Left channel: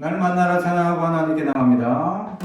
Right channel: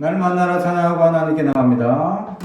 날 만나러 찬양하고 하나님께 나갑니다.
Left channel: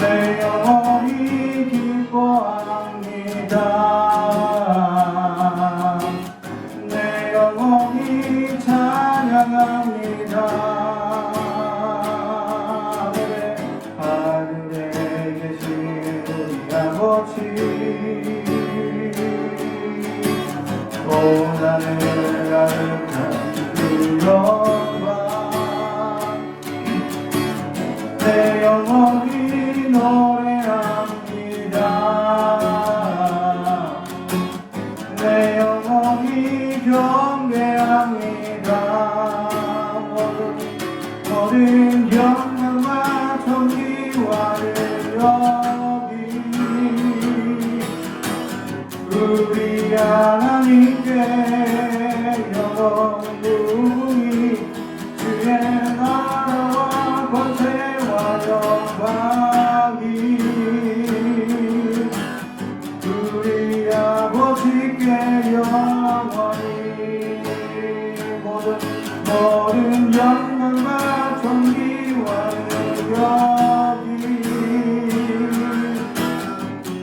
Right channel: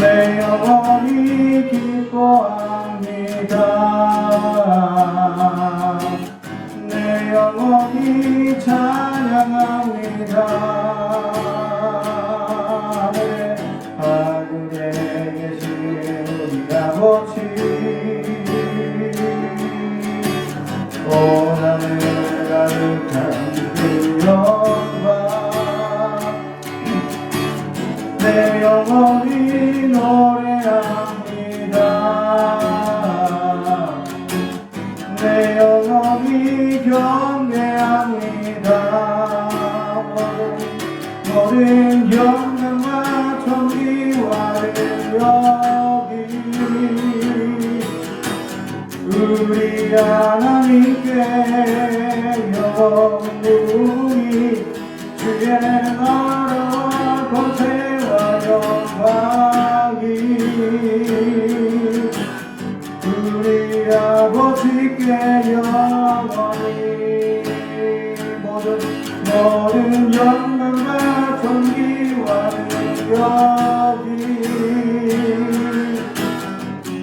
내 영혼이 기뻐합니다. 내 영혼이 찬양합니다. 하늘에 계신 우리 아버지, 고난을 가득한 그 영광, 내 영혼이 노래합니다. 내 영혼이 경배합니다. 모든 영광과 존귀와 영광이 우리 하나님께 영원히 주의 나라와 권세와 영광이 우리 아버지께 영원히 모든 영광과 존귀와 영광이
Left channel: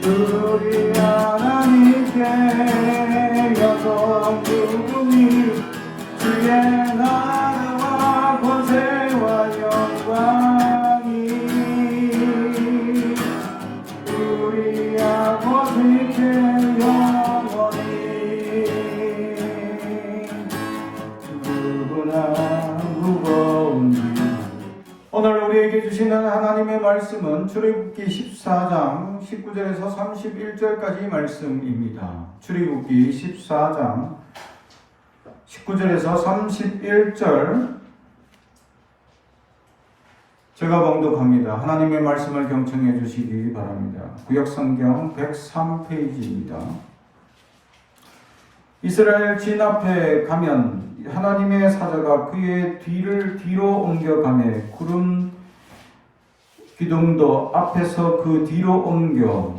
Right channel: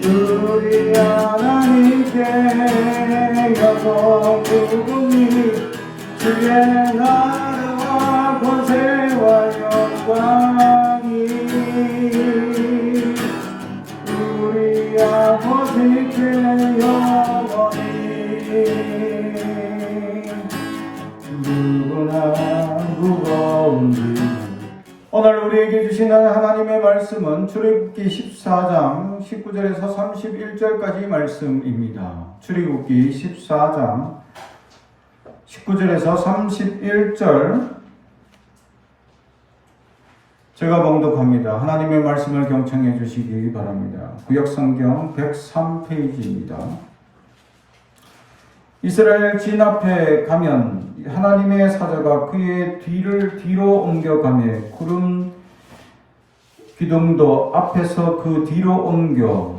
우리 하나님께 영원히 주의 나라와 권세와 영광이 우리 아버지께 영원히 누구나 무거운지. 오늘 우리에게 주시는 하나님의 말씀은 출애굽기 14장 19절에서 31절까지 말씀입니다. 출애굽기 14장 19절에서 31절 제가 봉독합니다. 하나님의 말씀을 경청해 주시기 바랍니다. 구역성경 103페이지입니다. 이스라엘 진 앞에 가면 하나님의 사자가 그의 뒤를 뒤로 옮겨가며 구름 기둥도 앞에서 그 뒤로 옮겨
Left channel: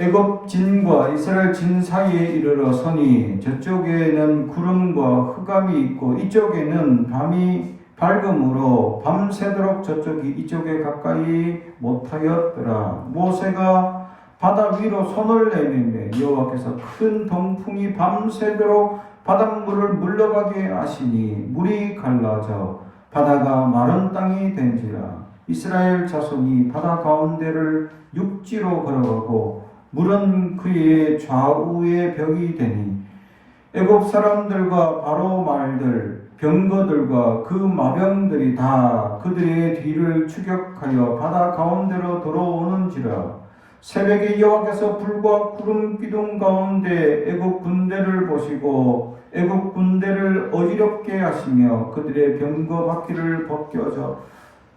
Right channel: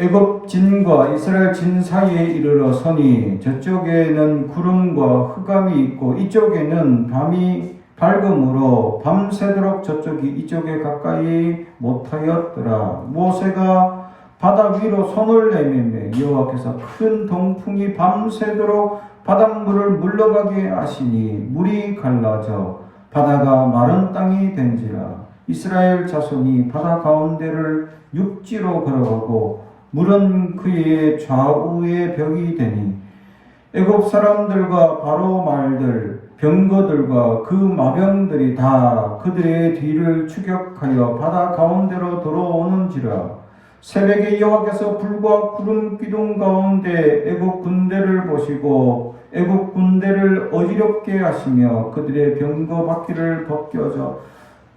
애굽 진과 이스라엘 진 사이에 이르러 서니 저쪽에는 구름과 흑암이 있고 이쪽에는 밤이 밝음으로 밤새도록 저쪽이 이쪽에 가까이 못하였더라. 모세가 바다 위로 손을 내밀며 여호와께서 큰 동풍이 밤새도록 바닷물을 물러가게 하시니 물이 갈라져 바다가 마른 땅이 된지라. 이스라엘 자손이 바다 가운데를 육지로 걸어가고 물은 그의 좌우에 벽이 되니 애굽 사람들과 바로 말들 병거들과 그 마병들이 다 그들의 뒤를 추격하여 바다 가운데로 들어오는지라. 새벽에 여호와께서 불과 구름 기둥 가운데 애굽 군대를 보시고 애굽 군대를 어지럽게 하시며 그들의 병거 바퀴를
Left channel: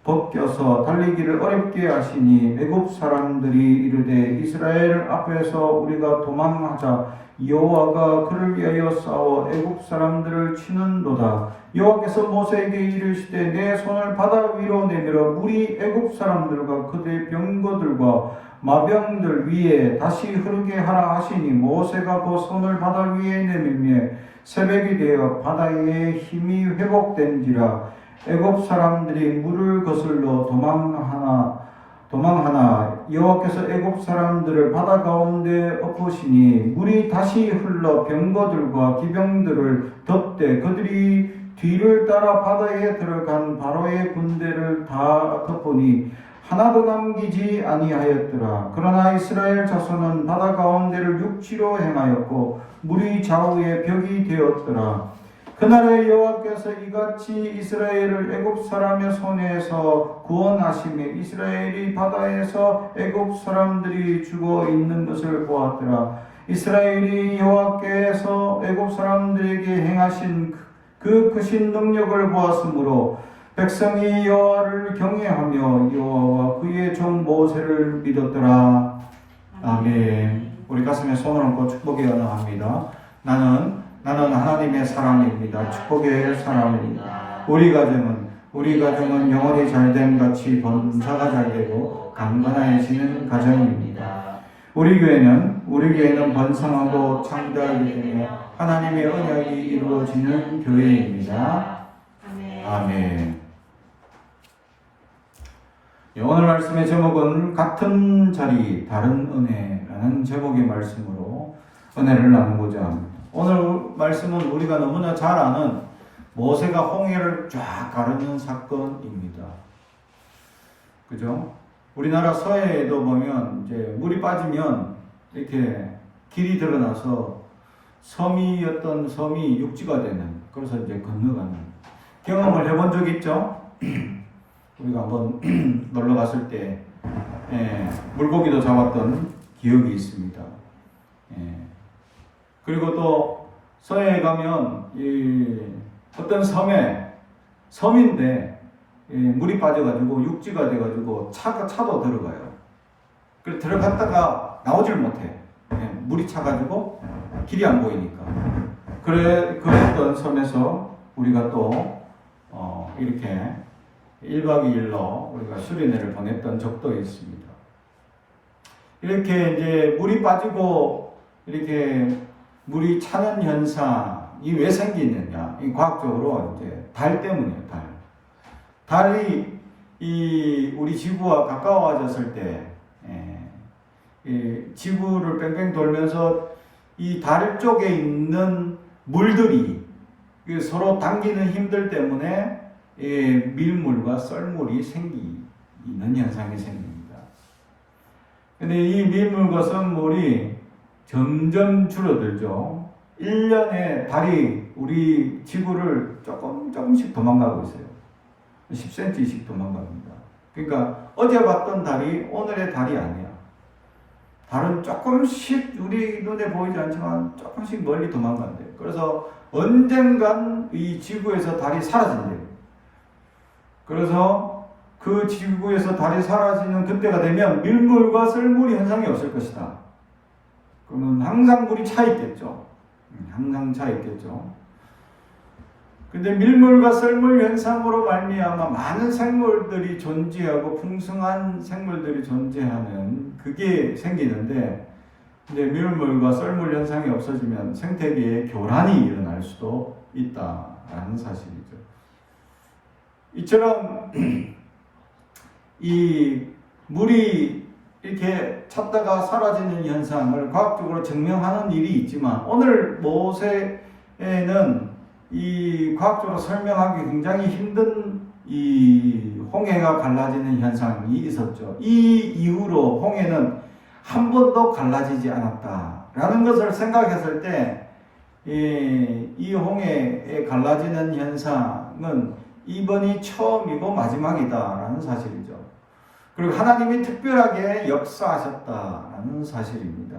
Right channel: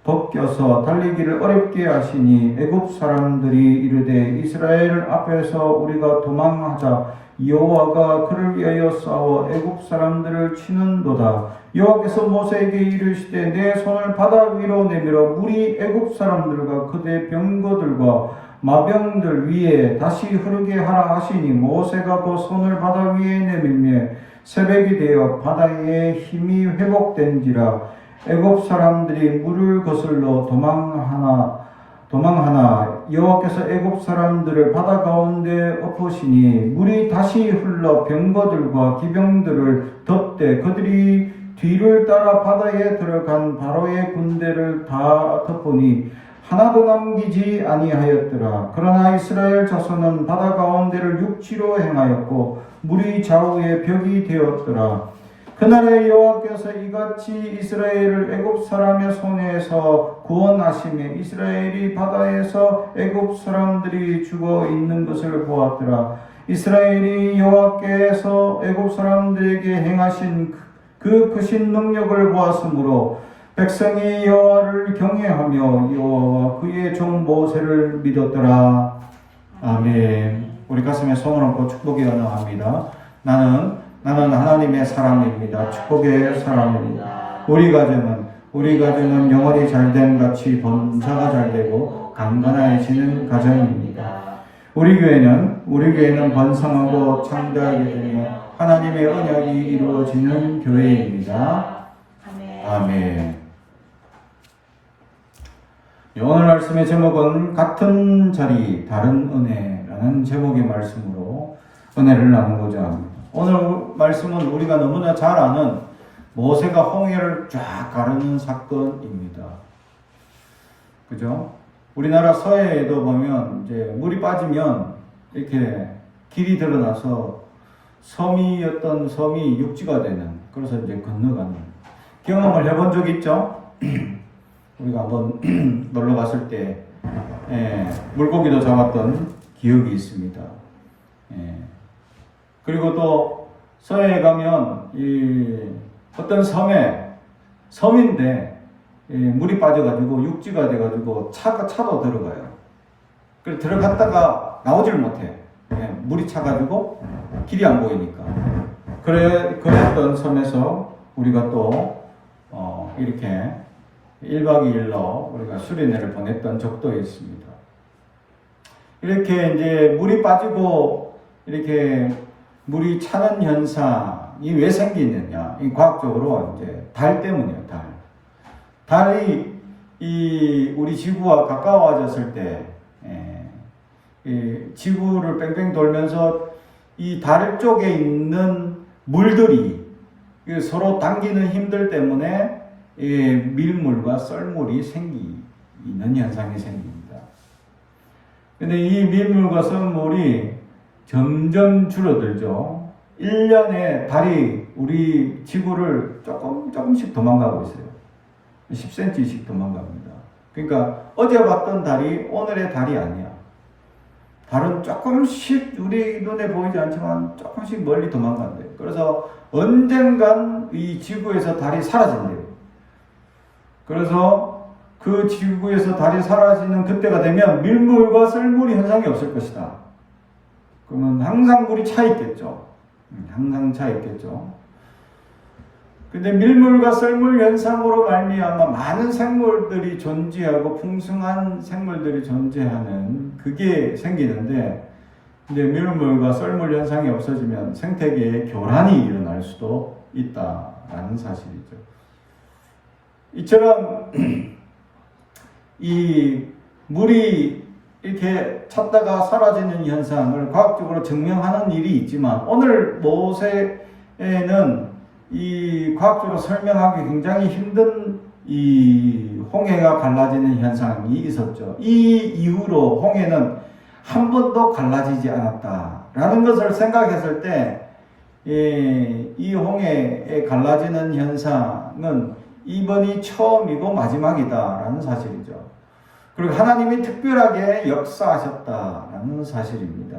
벗겨서 달리기를 어렵게 하시니 애굽 사람들이 이르되 이스라엘 앞에서 우리가 도망하자. 여호와가 그를 위하여 싸워 애굽 사람들을 치는도다. 여호와께서 모세에게 이르시되 내 손을 바다 위로 내밀어 물이 애굽 사람들과 그들의 병거들과 마병들 위에 다시 흐르게 하라 하시니 모세가 그 손을 바다 위에 내밀며 새벽이 되어 바다의 힘이 회복된지라. 애굽 사람들이 물을 거슬러 도망하나 여호와께서 애굽 사람들을 바다 가운데 엎으시니 물이 다시 흘러 병거들과 기병들을 덮되 그들이 뒤를 따라 바다에 들어간 바로의 군대를 다 덮으니 하나도 남기지 아니하였더라. 그러나 이스라엘 자손은 바다 가운데를 육지로 행하였고 물이 좌우에 벽이 되었더라. 그날에 여호와께서 이같이 이스라엘을 애굽 사람의 손에서 구원하시며 이스라엘이 바다에서 애굽 사람들이 죽어 있는 것을 보았더라. 이스라엘이 여호와께서 애굽 사람들에게 행하신 그 크신 능력을 보았으므로 백성이 여호와를 경외하며 여호와와 그의 종 모세를 믿었더라. 아멘. 우리 가슴에 손을 얹고 축복의 언어합니다. 나는 하나님의 사람입니다. 축복의 사람입니다. 우리 가정은 영혼이 잘된 같이 번자가 잘되고 강건해지는 가정입니다. 우리 교회는 번성하고 창대하게 되며 하나님의 언약이 이루어지는 교회입니다. 아멘. 오늘 말씀의 제목은 같은 자리 다른 은혜라는 제목의 말씀으로 은혜를 나누고자 합니다. 오늘 말씀은 우리가 너무나 잘 아는 모세가 홍해를 쫙 가르는 사건입니다. 그죠? 우리나라 서해에도 보면 이제 물이 빠지면 이렇게 길이 드러나서 섬이었던 섬이 육지가 되는, 그래서 이제 건너가는 경험을 해본 적 있죠? 우리가 한번 놀러 갔을 때 물고기도 잡았던 기억이 있습니다. 그리고 또 서해에 가면 어떤 섬인데 물이 빠져가지고 육지가 돼가지고 차도 들어가요. 그래서 들어갔다가 나오질 못해. 물이 차가지고 길이 안 보이니까. 그랬던 섬에서 우리가 또 이렇게 1박 2일로 우리가 수련회를 보냈던 적도 있습니다. 이렇게 이제 물이 빠지고 이렇게 물이 차는 현상이 왜 생기느냐? 이 과학적으로 이제 달 때문이에요. 달이 우리 지구와 가까워졌을 때 지구를 뺑뺑 돌면서 이 달 쪽에 있는 물들이 서로 당기는 힘들 때문에 밀물과 썰물이 생기는 현상이 생깁니다. 근데 이 밀물과 썰물이 점점 줄어들죠. 1년에 달이 우리 지구를 조금씩 도망가고 있어요. 10cm씩 도망갑니다. 그러니까 어제 봤던 달이 오늘의 달이 아니야. 달은 조금씩 우리 눈에 보이지 않지만 조금씩 멀리 도망간대요. 그래서 언젠간 이 지구에서 달이 사라진대요. 그래서 그 지구에서 달이 사라지는 그때가 되면 밀물과 썰물이 현상이 없을 것이다. 그러면 항상 물이 차 있겠죠. 항상 차 있겠죠. 근데 밀물과 썰물 현상으로 말미암아 많은 생물들이 존재하고 풍성한 생물들이 존재하는 그게 생기는데, 근데 밀물과 썰물 현상이 없어지면 생태계에 교란이 일어날 수도 있다라는 사실이죠. 이처럼 이 물이 이렇게 찼다가 사라지는 현상을 과학적으로 증명하는 일이 있지만, 오늘 모세에는 이 과학적으로 설명하기 굉장히 힘든 이 홍해가 갈라지는 현상이 있었죠. 이 이후로 홍해는 한 번도 갈라지지 않았다라는 것을 생각했을 때, 이 홍해에 갈라지는 현상은 이번이 처음이고 마지막이다라는 사실이죠. 그리고 하나님이 특별하게 역사하셨다라는 사실입니다.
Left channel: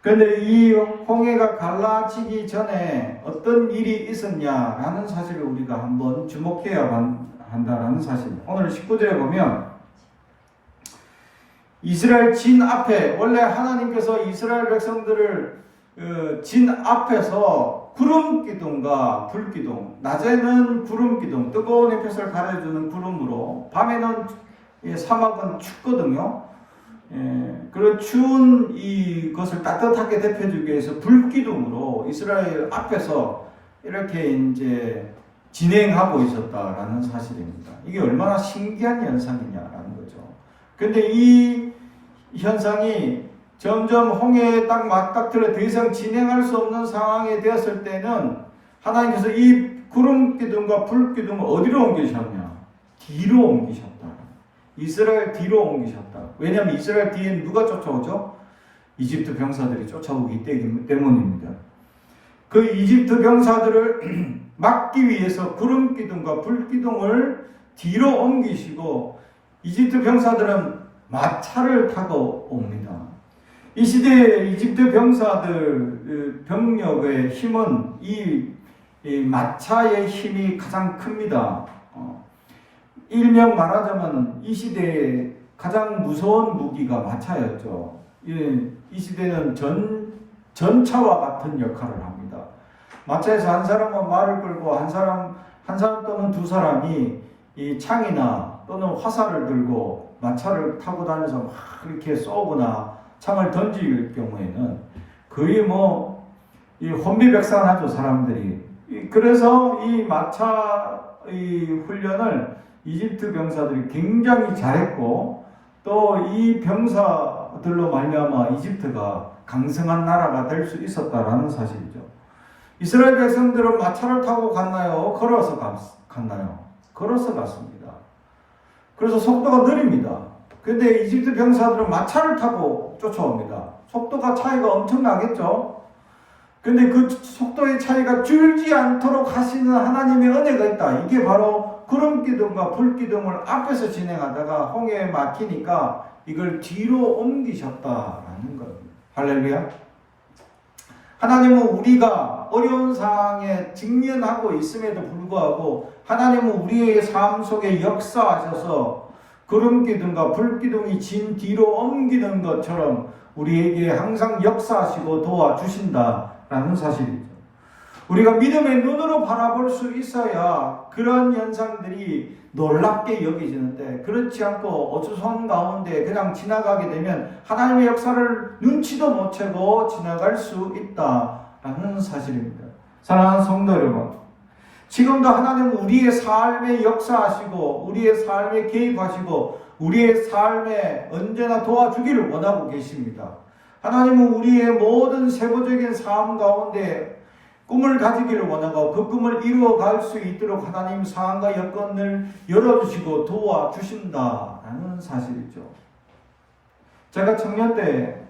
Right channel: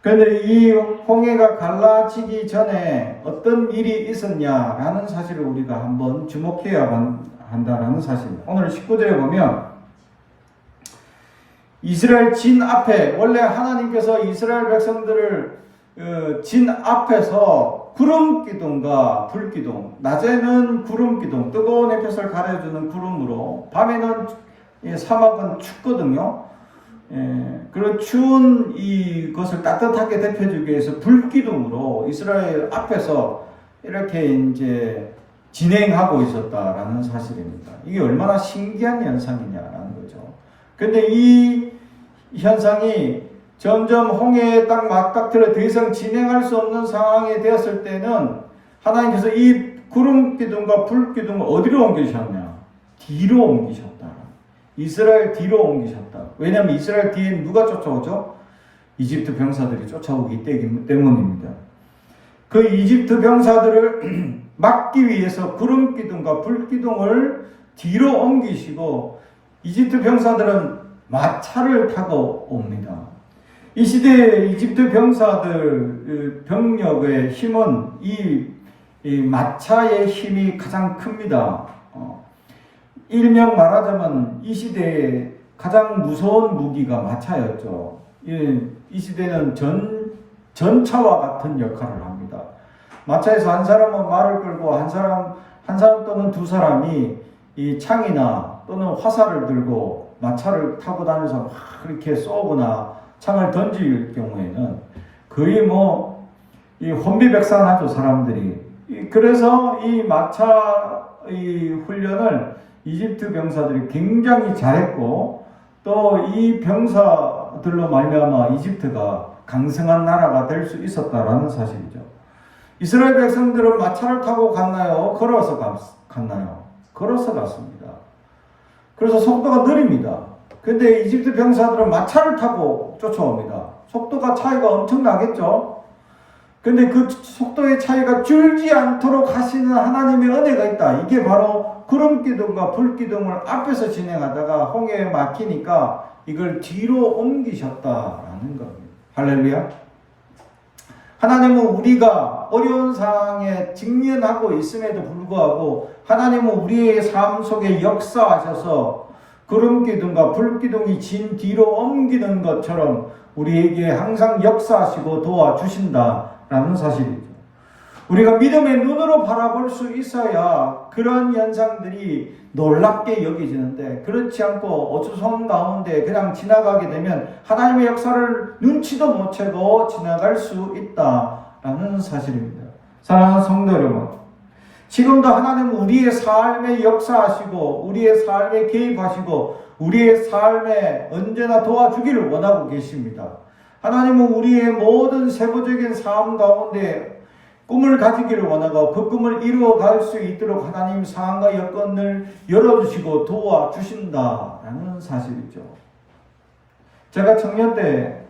그런데 이 홍해가 갈라지기 전에 어떤 일이 있었냐라는 사실을 우리가 한번 주목해야 한다는 사실. 오늘 19절에 보면 이스라엘 진 앞에, 원래 하나님께서 이스라엘 백성들을 진 앞에서 구름 기둥과 불 기둥, 낮에는 구름 기둥, 뜨거운 햇볕을 가려주는 구름으로, 밤에는 사막은 춥거든요. 그런 추운 이것을 따뜻하게 데펴주기 위해서 불기둥으로 이스라엘 앞에서 이렇게 이제 진행하고 있었다라는 사실입니다. 이게 얼마나 신기한 현상이냐라는 거죠. 근데 이 현상이 점점 홍해에 딱 맞닥뜨려 더 이상 진행할 수 없는 상황이 되었을 때는 하나님께서 이 구름 기둥과 불 기둥을 어디로 옮기셨냐? 뒤로 옮기셨다. 이스라엘 뒤로 옮기셨다. 왜냐하면 이스라엘 뒤에 누가 쫓아오죠? 이집트 병사들이 쫓아오기 때문입니다. 그 이집트 병사들을 막기 위해서 구름 기둥과 불 기둥을 뒤로 옮기시고, 이집트 병사들은 마차를 타고 옵니다. 이 시대의 이집트 병사들 병력의 힘은 이 마차의 힘이 가장 큽니다. 일명 말하자면 이 시대의 가장 무서운 무기가 마차였죠. 이 시대는 전차와 같은 역할을 합니다. 마차에서 한 사람은 말을 끌고 한 사람 또는 두 사람이 이 창이나 또는 화살을 들고 마차를 타고 다니면서 막 그렇게 쏘거나 창을 던질 경우에는 거의 이 혼비백산하죠, 사람들이. 그래서 이 마차 훈련을 이집트 병사들이 굉장히 잘했고, 또 이 병사들로 말미암아 이집트가 강성한 나라가 될 수 있었다라는 사실이죠. 이스라엘 백성들은 마차를 타고 갔나요? 걸어서 갔나요? 걸어서 갔습니다. 그래서 속도가 느립니다. 근데 이집트 병사들은 마차를 타고 쫓아옵니다. 속도가 차이가 엄청나겠죠? 근데 그 속도의 차이가 줄지 않도록 하시는 하나님의 은혜가 있다. 이게 바로 구름기둥과 불기둥을 앞에서 진행하다가 홍해에 막히니까 이걸 뒤로 옮기셨다라는 겁니다. 할렐루야. 하나님은 우리가 어려운 상황에 직면하고 있음에도 불구하고 하나님은 우리의 삶 속에 역사하셔서 구름기둥과 불기둥이 진 뒤로 옮기는 것처럼 우리에게 항상 역사하시고 도와주신다라는 사실이죠. 우리가 믿음의 눈으로 바라볼 수 있어야 그런 현상들이 놀랍게 여겨지는데, 그렇지 않고 어수선 가운데 그냥 지나가게 되면 하나님의 역사를 눈치도 못 채고 지나갈 수 있다라는 사실입니다. 사랑하는 성도 여러분, 지금도 하나님은 우리의 삶에 역사하시고 우리의 삶에 개입하시고 우리의 삶에 언제나 도와주기를 원하고 계십니다. 하나님은 우리의 모든 세부적인 삶 가운데 꿈을 가지기를 원하고 그 꿈을 이루어갈 수 있도록 하나님 상황과 여건을 열어주시고 도와주신다라는 사실이죠. 제가 청년 때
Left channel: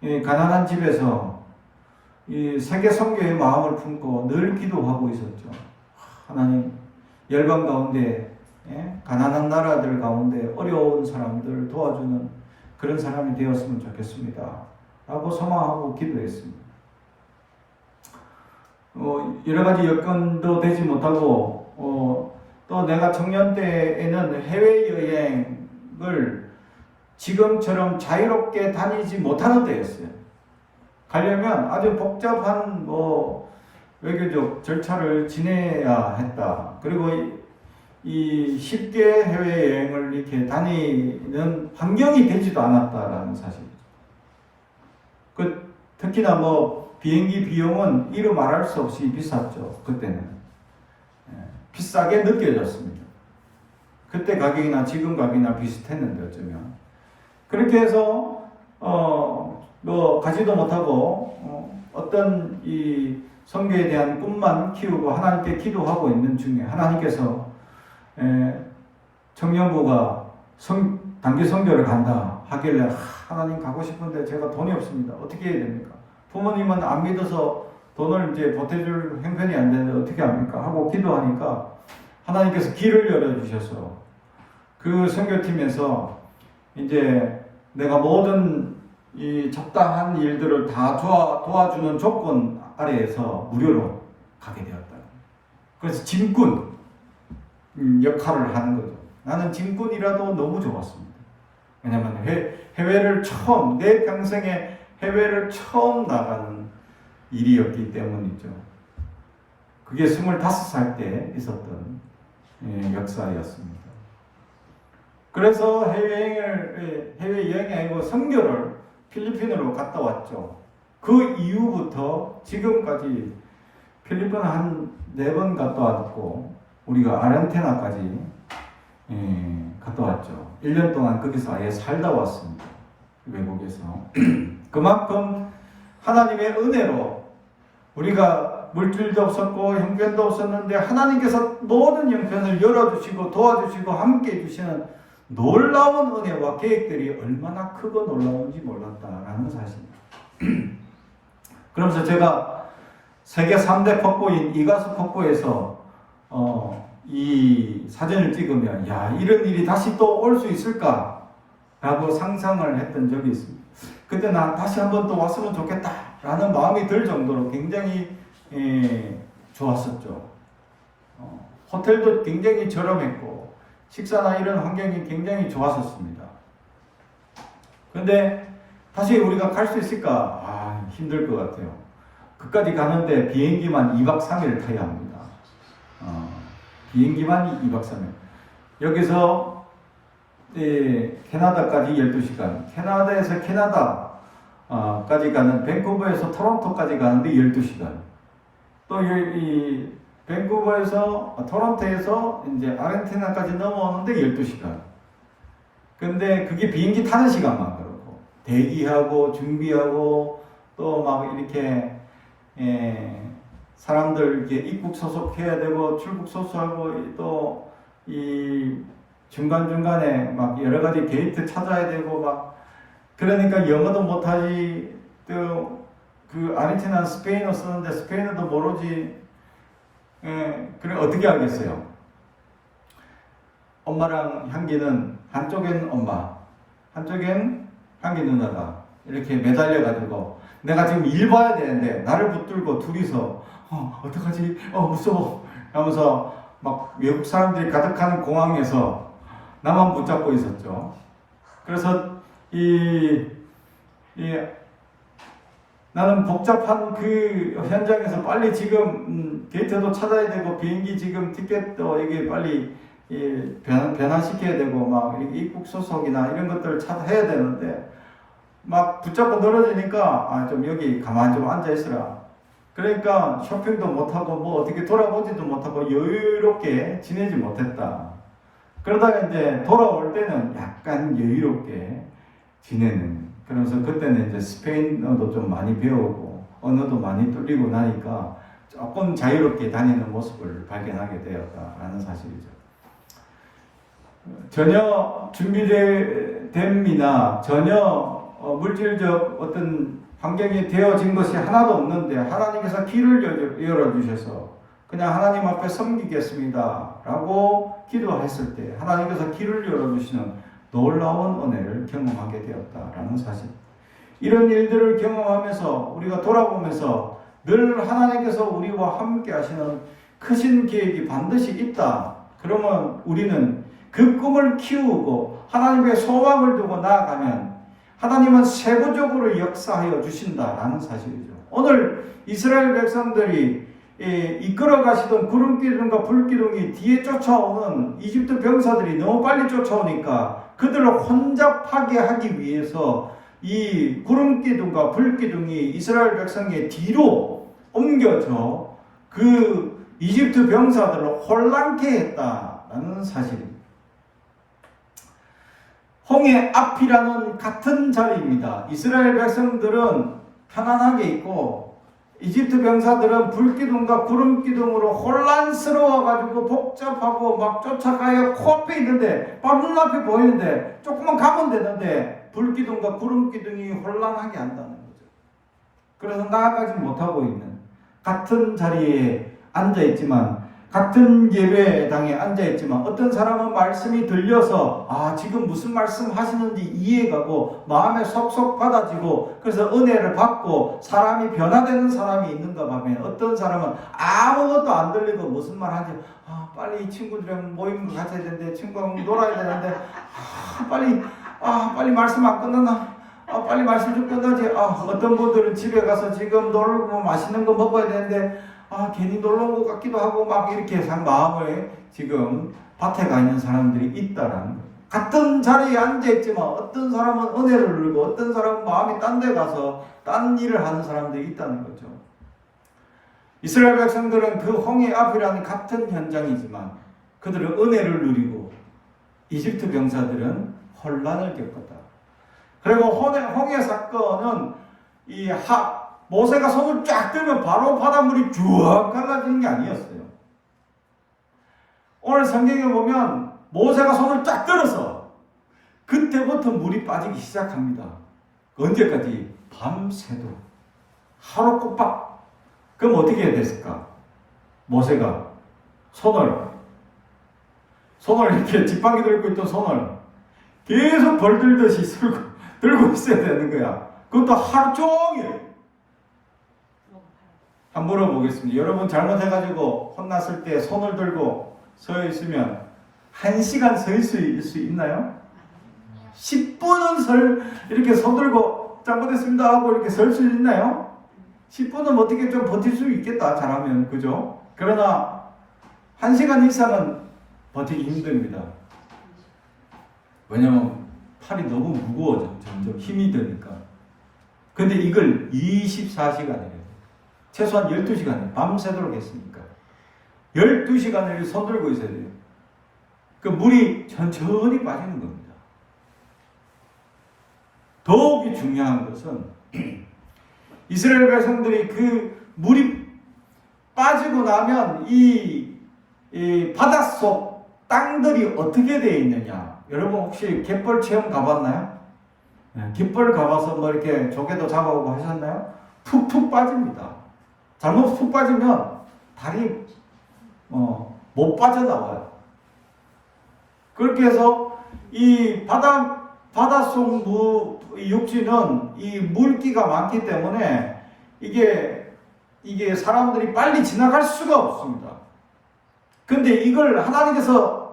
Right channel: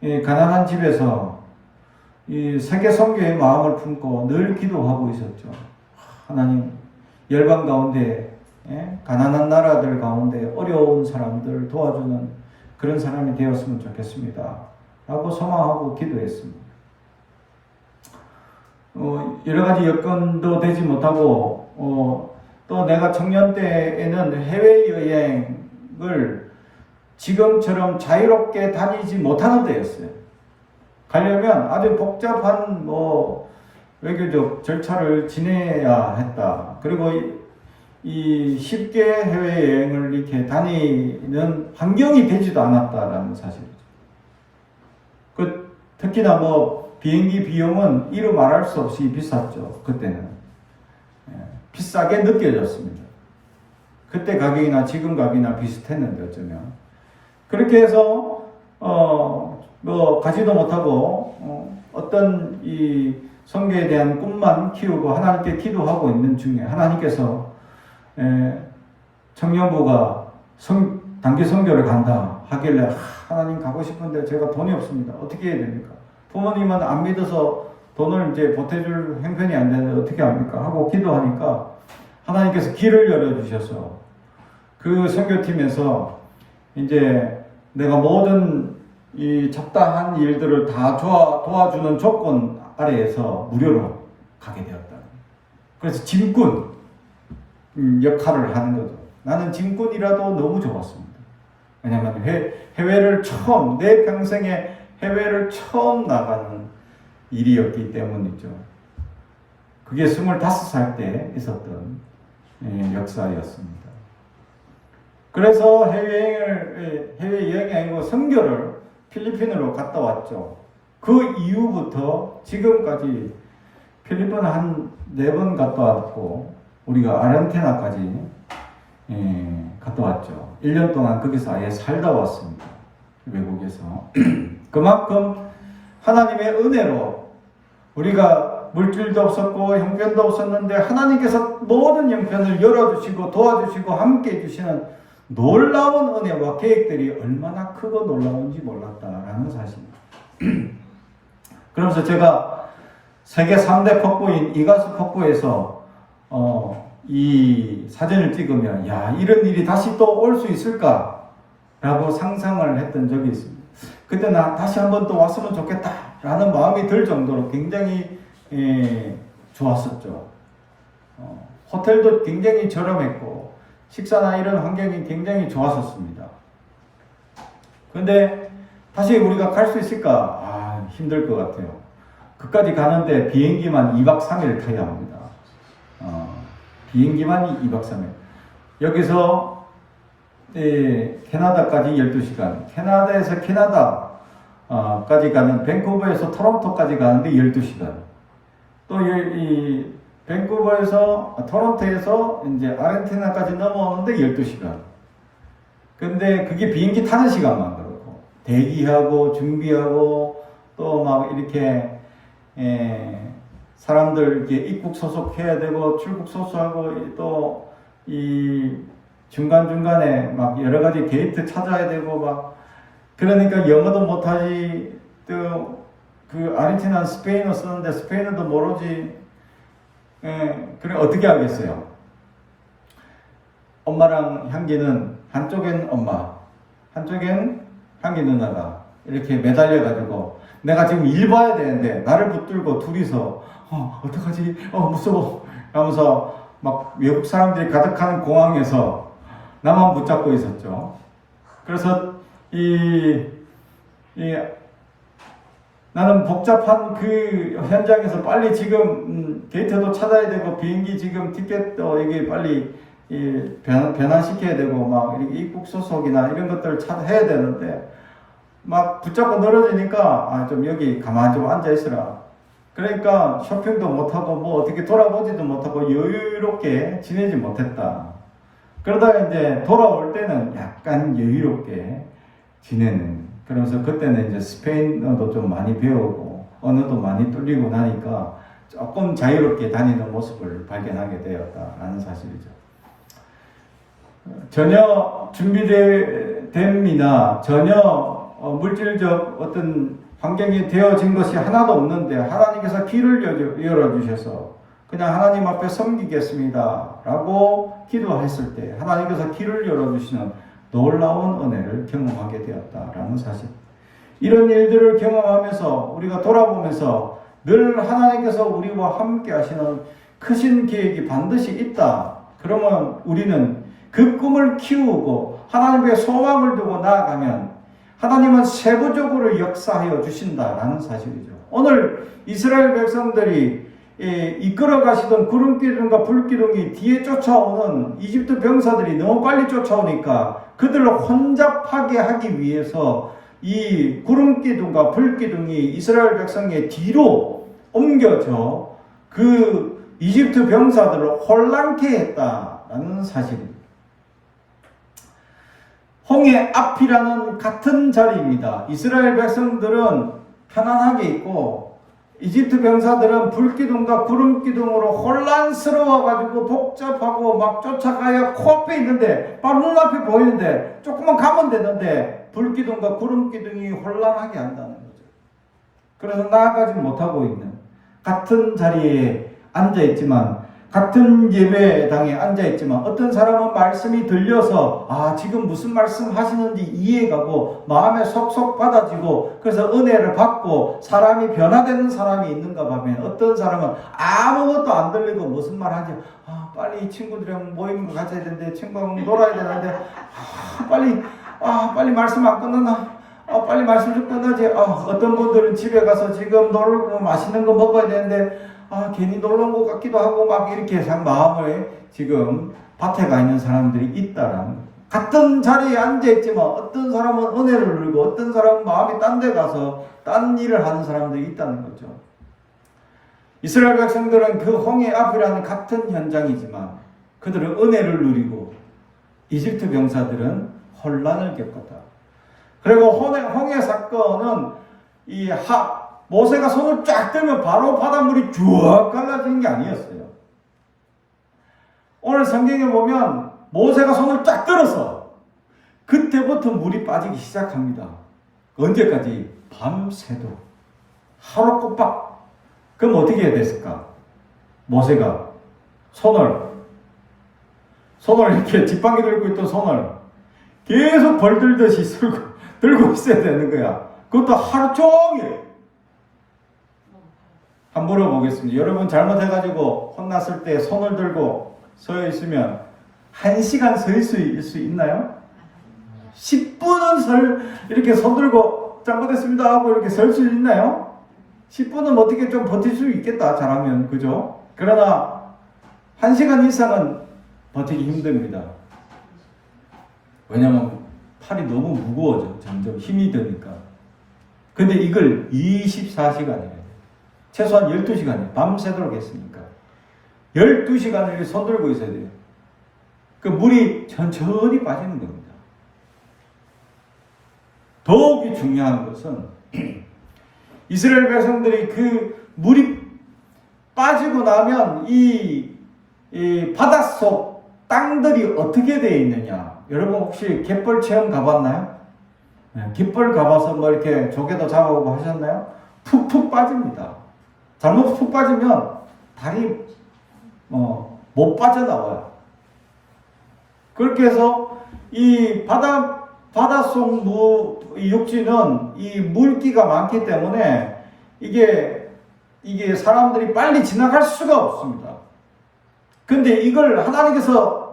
가난한 집에서 이 세계 선교의 마음을 품고 늘 기도하고 있었죠. 하나님, 열방 가운데 가난한 나라들 가운데 어려운 사람들 도와주는 그런 사람이 되었으면 좋겠습니다 라고 소망하고 기도했습니다. 여러 가지 여건도 되지 못하고 또 내가 청년 때에는 해외여행을 지금처럼 자유롭게 다니지 못하는 때였어요. 가려면 아주 복잡한 외교적 절차를 지내야 했다. 그리고 이 쉽게 해외여행을 이렇게 다니는 환경이 되지도 않았다라는 사실이죠. 특히나 비행기 비용은 이루 말할 수 없이 비쌌죠. 그때는 비싸게 느껴졌습니다. 그때 가격이나 지금 가격이나 비슷했는데 어쩌면 그렇게 해서 가지도 못하고 어떤 이 선교에 대한 꿈만 키우고 하나님께 기도하고 있는 중에 하나님께서 청년부가 단기 선교를 간다 하길래 하나님 가고 싶은데 제가 돈이 없습니다. 어떻게 해야 됩니까? 부모님은 안 믿어서 돈을 이제 보태줄 형편이 안 되는데 어떻게 합니까? 하고 기도하니까 하나님께서 길을 열어주셔서 그 선교팀에서 이제 내가 모든 이 잡다한 일들을 다 도와주는 조건 아래에서 무료로 가게 되었다. 그래서 짐꾼 역할을 하는 거죠. 나는 짐꾼이라도 너무 좋았습니다. 왜냐하면 해외를 내 평생에 해외를 처음 나가는 일이었기 때문이죠. 그게 25살 때 있었던 역사였습니다. 그래서 해외여행이 아니고 선교를 필리핀으로 갔다 왔죠. 그 이후부터 지금까지 필리핀을 한 4번 갔다 왔고 우리가 아르헨티나까지 갔다 왔죠. 1년 동안 거기서 아예 살다 왔습니다. 외국에서. 그만큼 하나님의 은혜로 우리가 물질도 없었고 형편도 없었는데 하나님께서 모든 형편을 열어주시고 도와주시고 함께 해주시는 놀라운 은혜와 계획들이 얼마나 크고 놀라운지 몰랐다라는 사실입니다. 그러면서 제가 세계 3대 폭포인 이가수 폭포에서 이 사진을 찍으면 이런 일이 다시 또 올 수 있을까 라고 상상을 했던 적이 있습니다. 그때 나 다시 한번 또 왔으면 좋겠다 라는 마음이 들 정도로 굉장히 좋았었죠. 호텔도 굉장히 저렴했고 식사나 이런 환경이 굉장히 좋았었습니다. 그런데 다시 우리가 갈 수 있을까? 힘들 것 같아요. 그까지 가는데 비행기만 2박 3일 타야 합니다. 비행기만 2박 3일. 여기서 캐나다까지 12시간, 캐나다에서 캐나다까지 가는, 밴쿠버에서 토론토까지 가는데 12시간. 또 이 밴쿠버에서 토론토에서 이제 아르헨티나까지 넘어오는데 12시간. 근데 그게 비행기 타는 시간만 그렇고 대기하고 준비하고 또 막 이렇게 사람들 이렇게 입국 소속해야 되고 출국 소속하고 또 이 중간중간에 막 여러 가지 게이트 찾아야 되고 막 그러니까 영어도 못하지. 또 그 아르헨티나는 스페인어 쓰는데 스페인어도 모르지. 그래 어떻게 하겠어요? 엄마랑 향기는 한쪽엔 엄마, 한쪽엔 향기 누나가 이렇게 매달려가지고 내가 지금 일 봐야 되는데 나를 붙들고 둘이서 어떡하지? 무서워 하면서 막 외국 사람들이 가득한 공항에서 나만 붙잡고 있었죠. 그래서 나는 복잡한 그 현장에서 빨리 지금 게이트도 찾아야 되고 비행기 지금 티켓도 여기 빨리 변환시켜야 되고 막 이렇게 입국 소속이나 이런 것들을 해야 되는데 막 붙잡고 늘어지니까 좀 여기 가만히 좀 앉아 있으라. 그러니까 쇼핑도 못하고 뭐 어떻게 돌아보지도 못하고 여유롭게 지내지 못했다. 그러다가 이제 돌아올 때는 약간 여유롭게 지내는. 그러면서 그때는 이제 스페인어도 좀 많이 배우고 언어도 많이 뚫리고 나니까 조금 자유롭게 다니는 모습을 발견하게 되었다라는 사실이죠. 전혀 준비됨이나 전혀 물질적 어떤 환경이 되어진 것이 하나도 없는데 하나님께서 길을 열어주셔서 그냥 하나님 앞에 섬기겠습니다 라고 기도했을 때 하나님께서 길을 열어주시는 놀라운 은혜를 경험하게 되었다라는 사실. 이런 일들을 경험하면서 우리가 돌아보면서 늘 하나님께서 우리와 함께 하시는 크신 계획이 반드시 있다. 그러면 우리는 그 꿈을 키우고 하나님의 소망을 두고 나아가면 하나님은 세부적으로 역사하여 주신다라는 사실이죠. 오늘 이스라엘 백성들이 이끌어 가시던 구름기둥과 불기둥이 뒤에 쫓아오는 이집트 병사들이 너무 빨리 쫓아오니까 그들을 혼잡하게 하기 위해서 이 구름기둥과 불기둥이 이스라엘 백성의 뒤로 옮겨져 그 이집트 병사들을 혼란케 했다라는 사실입니다. 홍해 앞이라는 같은 자리입니다. 이스라엘 백성들은 편안하게 있고 이집트 병사들은 불기둥과 구름기둥으로 혼란스러워가지고 복잡하고 막 쫓아가야 코앞에 있는데 바로 눈앞에 보이는데 조금만 가면 되는데 불기둥과 구름기둥이 혼란하게 한다는 거죠. 그래서 나아가지 못하고 있는 같은 자리에 앉아있지만 같은 예배당에 앉아있지만 어떤 사람은 말씀이 들려서 지금 무슨 말씀 하시는지 이해가고 마음에 속속 받아지고 그래서 은혜를 받고 사람이 변화되는 사람이 있는가 하면 어떤 사람은 아무것도 안 들리고 무슨 말 하지 빨리 친구들이랑 모임 가져야 되는데 친구랑 놀아야 되는데 빨리 말씀 안 끝나나 빨리 말씀 좀 끝나지 어떤 분들은 집에 가서 지금 놀고 맛있는 거 먹어야 되는데 괜히 놀러 온 것 같기도 하고 막 이렇게 마음을 지금 밭에 가 있는 사람들이 있다라는 같은 자리에 앉아있지만 어떤 사람은 은혜를 누리고 어떤 사람은 마음이 딴 데 가서 딴 일을 하는 사람들이 있다는 거죠. 이스라엘 백성들은 그 홍해 앞이라는 같은 현장이지만 그들은 은혜를 누리고 이집트 병사들은 혼란을 겪었다. 그리고 홍해 사건은 모세가 손을 쫙 들면 바로 바닷물이 쭉 갈라지는 게 아니었어요. 오늘 성경에 보면 모세가 손을 쫙 들어서 그때부터 물이 빠지기 시작합니다. 언제까지? 밤새도록. 하루 꼬박. 그럼 어떻게 해야 됐을까? 모세가 손을 이렇게 지팡이 들고 있던 손을 계속 벌 들듯이 들고 있어야 되는 거야. 그것도 하루 종일. 한번 물어보겠습니다. 여러분 잘못해가지고 혼났을 때 손을 들고 서 있으면 1시간 서 있을 수 있나요? 10분은 이렇게 손 들고 잘못했습니다 하고 이렇게 설 수 있나요? 10분은 어떻게 좀 버틸 수 있겠다, 잘하면. 그죠? 그러나 1시간 이상은 버티기 힘듭니다. 왜냐면 팔이 너무 무거워져. 점점 힘이 드니까. 근데 이걸 24시간이에요. 최소한 12시간이에요. 밤새도록 했으니까. 12시간을 손 들고 있어야 돼요. 그 물이 천천히 빠지는 겁니다. 더욱이 중요한 것은 이스라엘 백성들이 그 물이 빠지고 나면 이 바닷속 땅들이 어떻게 되어 있느냐. 여러분 혹시 갯벌 체험 가봤나요? 네, 갯벌 가봐서 뭐 이렇게 조개도 잡아오고 하셨나요? 푹푹 빠집니다. 잘못 푹 빠지면 다리 못 빠져나와요. 그렇게 해서 이 바닷속 육지는 이 물기가 많기 때문에 이게 사람들이 빨리 지나갈 수가 없습니다. 근데 이걸 하나님께서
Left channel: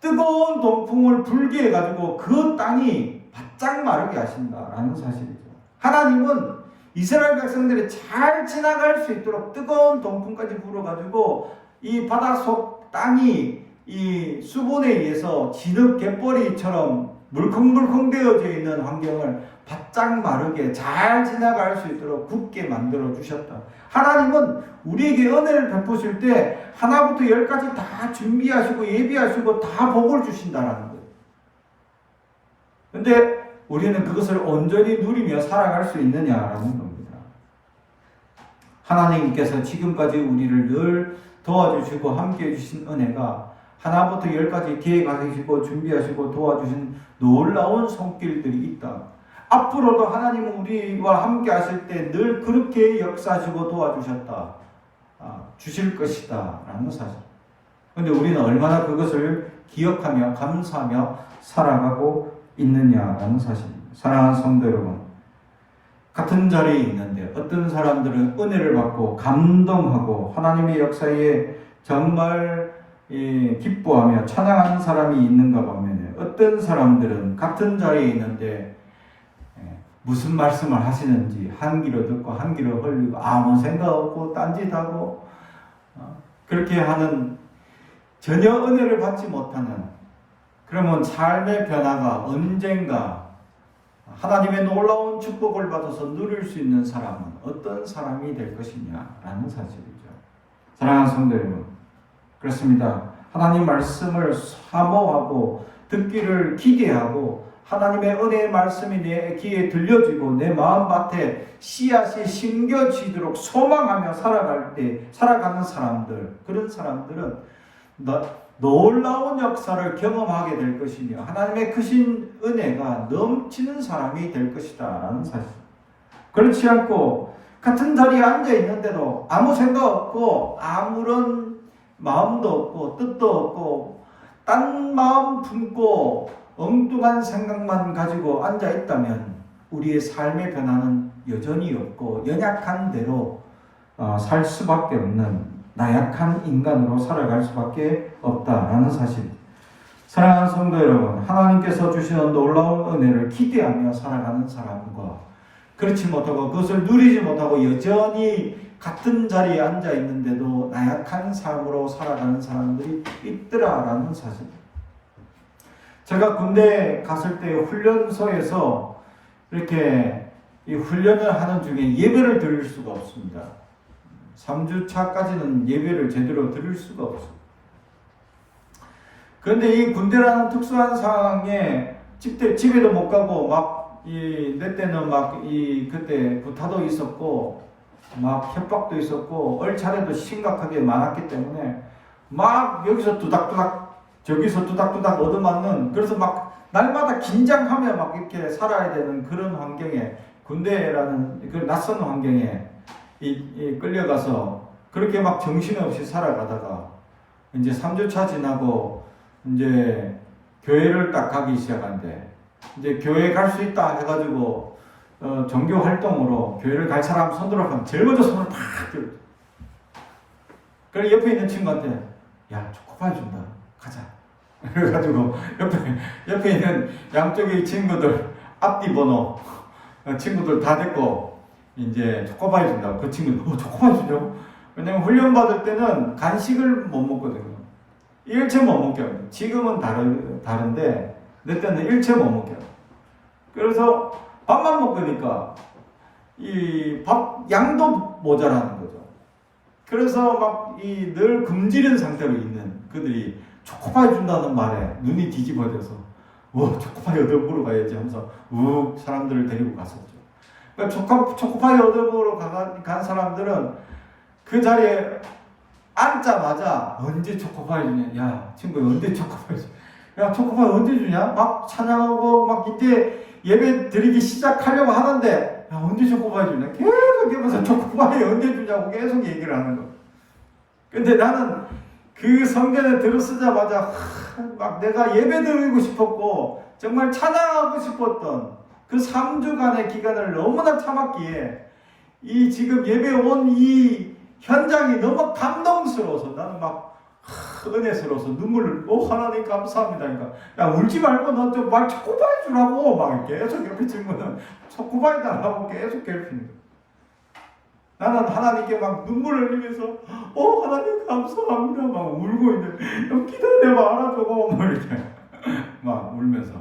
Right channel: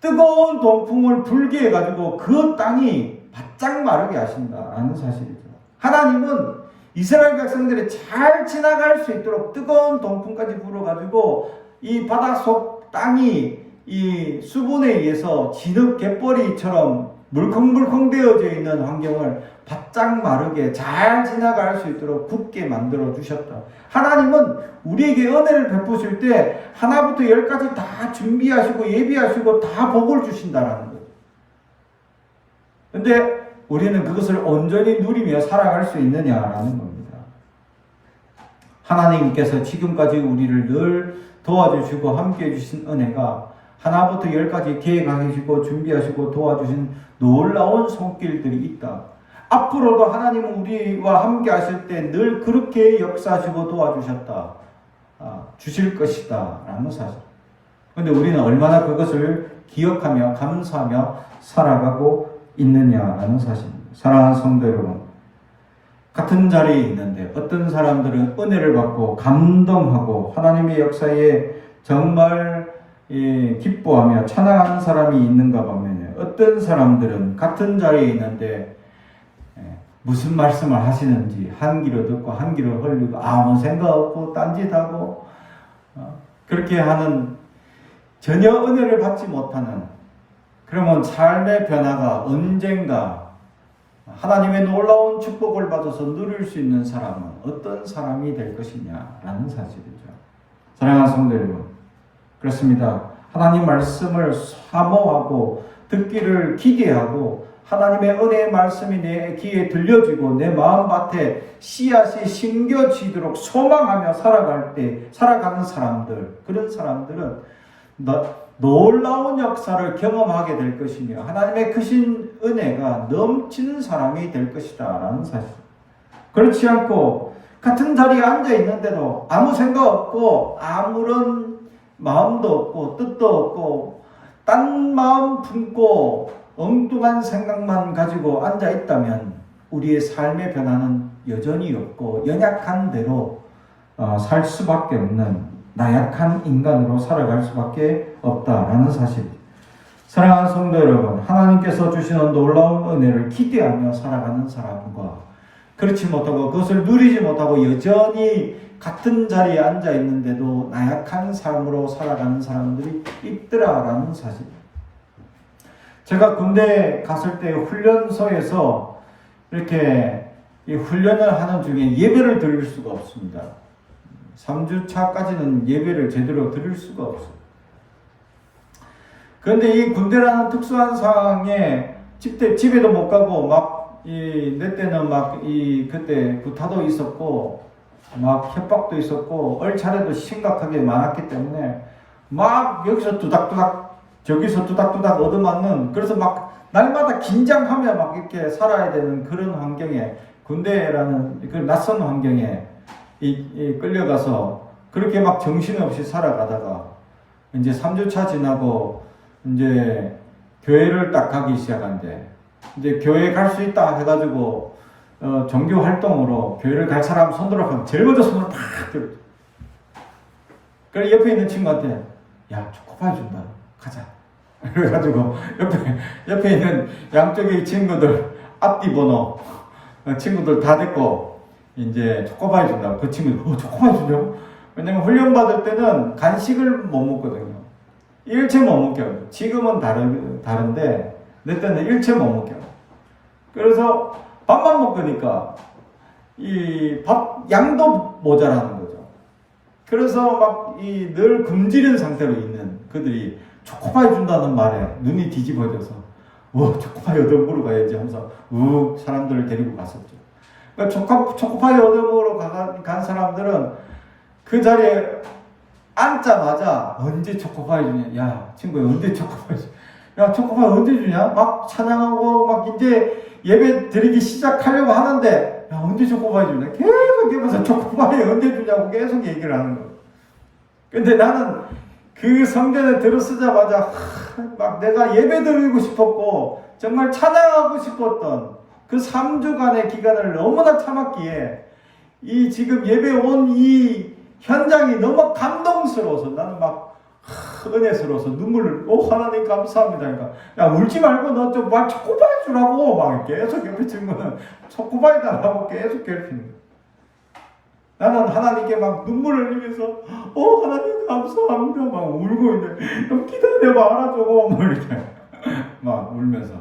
뜨거운 동풍을 불게 해가지고 그 땅이 바짝 마르게 하신다라는 사실이죠. 하나님은 이스라엘 백성들이 잘 지나갈 수 있도록 뜨거운 동풍까지 불어가지고 이 바닷속 땅이 이 수분에 의해서 진흙 갯벌이처럼 물컹물컹 되어져 있는 환경을 바짝 마르게 잘 지나갈 수 있도록 굳게 만들어 주셨다. 하나님은 우리에게 은혜를 베푸실 때 하나부터 열까지 다 준비하시고 예비하시고 다 복을 주신다라는 거예요. 근데 우리는 그것을 온전히 누리며 살아갈 수 있느냐라는 겁니다. 하나님께서 지금까지 우리를 늘 도와주시고 함께해 주신 은혜가 하나부터 열까지 계획하시고 준비하시고 도와주신 놀라운 손길들이 있다. 앞으로도 하나님은 우리와 함께 하실 때 늘 그렇게 역사하시고 도와주셨다. 주실 것이다. 라는 사실. 그런데 우리는 얼마나 그것을 기억하며 감사하며 살아가고 있느냐라는 사실입니다. 사랑하는 성도 여러분, 같은 자리에 있는데 어떤 사람들은 은혜를 받고 감동하고 하나님의 역사에 정말 기뻐하며 찬양하는 사람이 있는가 보면 어떤 사람들은 같은 자리에 있는데 무슨 말씀을 하시는지 한 귀로 듣고 한 귀로 흘리고 아무 생각 없고 딴짓하고 그렇게 하는 전혀 은혜를 받지 못하는, 그러면 삶의 변화가 언젠가 하나님의 놀라운 축복을 받아서 누릴 수 있는 사람은 어떤 사람이 될 것이냐라는 사실이죠. 사랑하는 성도 여러분, 그렇습니다. 하나님 말씀을 사모하고 듣기를 기대하고 하나님의 은혜의 말씀이 내 귀에 들려지고 내 마음밭에 씨앗이 심겨지도록 소망하며 살아가는 사람들, 그런 사람들은 놀라운 역사를 경험하게 될 것이며 하나님의 크신 은혜가 넘치는 사람이 될 것이다 라는 사실. 그렇지 않고 같은 자리에 앉아 있는데도 아무 생각 없고 아무런 마음도 없고 뜻도 없고 딴 마음 품고 엉뚱한 생각만 가지고 앉아 있다면 우리의 삶의 변화는 여전히 없고 연약한 대로 살 수밖에 없는 나약한 인간으로 살아갈 수밖에 없다라는 사실. 사랑하는 성도 여러분, 하나님께서 주시는 놀라운 은혜를 기대하며 살아가는 사람과 그렇지 못하고 그것을 누리지 못하고 여전히 같은 자리에 앉아 있는데도 나약한 삶으로 살아가는 사람들이 있더라라는 사실. 제가 군대에 갔을 때 훈련소에서 이렇게 이 훈련을 하는 중에 예배를 드릴 수가 없습니다. 3주차까지는 예배를 제대로 드릴 수가 없어요. 그런데 이 군대라는 특수한 상황에 집에도 못 가고 내 때는 그때 구타도 있었고 협박도 있었고 얼차례도 심각하게 많았기 때문에 여기서 두닥두닥 저기서 두닥두닥 얻어맞는, 그래서 날마다 긴장하며 이렇게 살아야 되는 그런 환경에, 군대라는 그 낯선 환경에 끌려가서 그렇게 정신없이 살아가다가 이제 3주차 지나고 이제 교회를 딱 가기 시작한대. 이제 교회 갈 수 있다 해가지고 종교 활동으로 교회를 갈 사람 손들어 하면 제일 먼저 손을 팍 들어. 그래 옆에 있는 친구한테 야 초코파이 준다 가자. 그래가지고 옆에 있는 양쪽의 친구들 앞뒤 번호 친구들 다 됐고 이제 초코파이 준다고. 그 친구들 초코파이 주냐고? 왜냐면 훈련 받을 때는 간식을 못 먹거든요. 일체 못 먹겨요. 지금은 다른데 내 때는 일체 못 먹겨요. 그래서 밥만 먹으니까 이 밥 양도 모자라는 거죠. 그래서 막 이 늘 굶주린 상태로 있는 그들이 초코파이 준다는 말에 눈이 뒤집어져서 초코파이 얻어 먹으러 가야지 하면서 사람들을 데리고 갔었죠. 그러니까 초코파이 얻어 먹으러 간 사람들은 그 자리에 앉자마자 언제 초코파이 주냐? 야 친구야 언제 초코파이 주냐? 야 초코파이 언제 주냐? 막 찬양하고 막 이제 예배 드리기 시작하려고 하는데 야 언제 초코파이 주냐? 계속 옆에서 초코파이 언제 주냐고 계속 얘기를 하는 거예요. 근데 나는 그 성전에 들어서자마자 막 내가 예배 드리고 싶었고 정말 찬양하고 싶었던 그 3주간의 기간을 너무나 참았기에 이 지금 예배 온 이 현장이 너무 감동스러워서 나는 막 은혜스러워서 눈물을 하나님 감사합니다. 그러니까 야 울지 말고 너 좀 막 초코바이 주라고 막 계속 옆에 친구는 초코바이 달라고 계속 괴롭히는 거야. 나는 하나님께 막 눈물을 흘리면서 하나님 감사합니다 막 울고 있는데 좀 기다려봐 알아주고 뭐 이렇게 막 울면서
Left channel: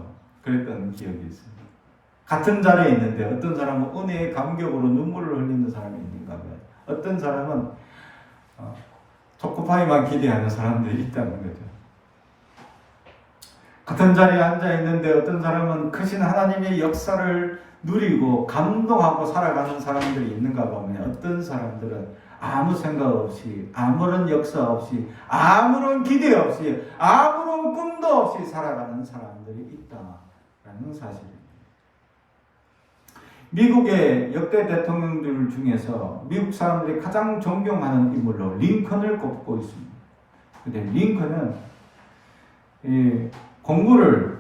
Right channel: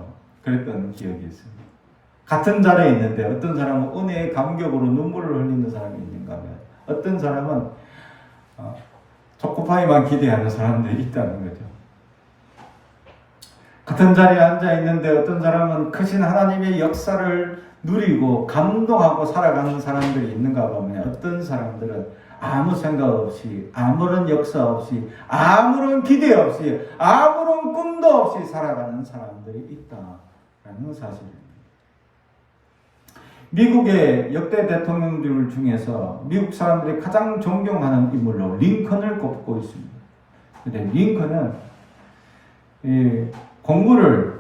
그랬던 기억이 있습니다. 같은 자리에 있는데 어떤 사람은 은혜의 감격으로 눈물을 흘리는 사람이 있는가 하면 어떤 사람은 초코파이만 기대하는 사람들이 있다는 거죠. 같은 자리에 앉아 있는데 어떤 사람은 크신 하나님의 역사를 누리고 감동하고 살아가는 사람들이 있는가 보면 어떤 사람들은 아무 생각 없이 아무런 역사 없이 아무런 기대 없이 아무런 꿈도 없이 살아가는 사람들이 있다라는 사실입니다. 미국의 역대 대통령들 중에서 미국 사람들이 가장 존경하는 인물로 링컨을 꼽고 있습니다. 근데 링컨은 공부를